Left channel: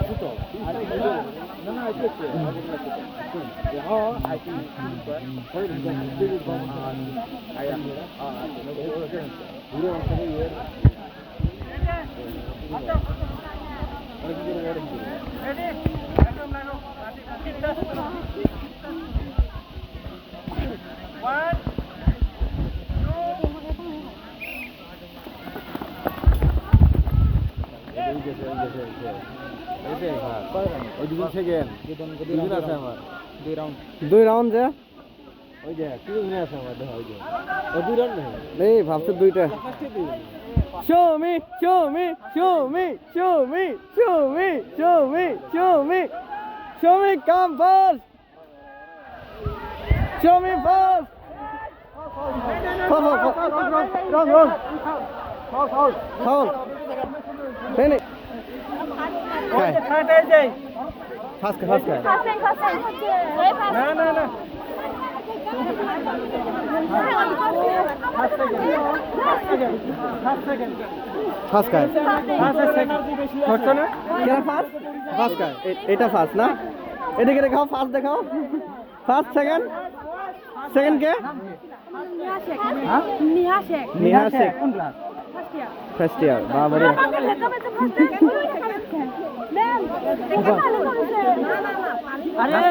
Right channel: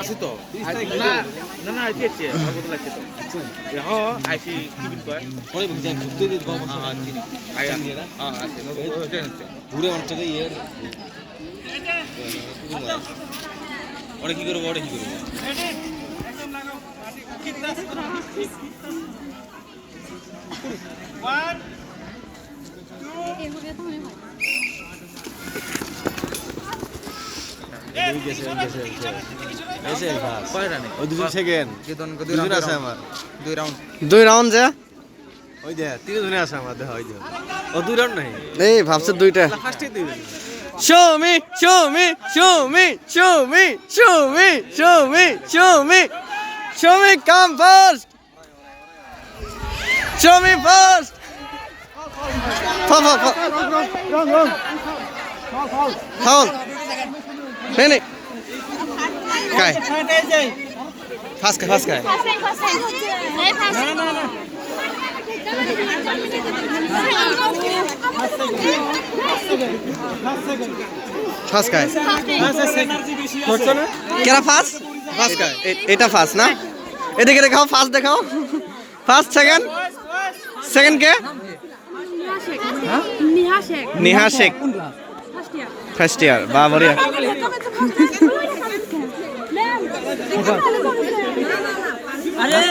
আছে তো না না না আইছে কত লাগছে তো হ্যাঁ আইছি কি বিল কয় পরে বুঝা ঘুরতে দিতে বাবা আইয়া হ্যাঁ আছে ঘুরে অনেকটা ইয়ে ওরে কি করবো ওরে কি করবো দুই রাউন্ড যা এই ভাবছে দুইটা show me show me show me show me show me show me show me show me come first show me first foul finish kai fast kai first গায় কেরা ফার্স্ট ফার্স্ট গায় এটা ফার্স্ট না এদিকে দেখাও ফার্স্ট দেখাও first second second কে Neha Sheikh first year বাবরিয়া আরে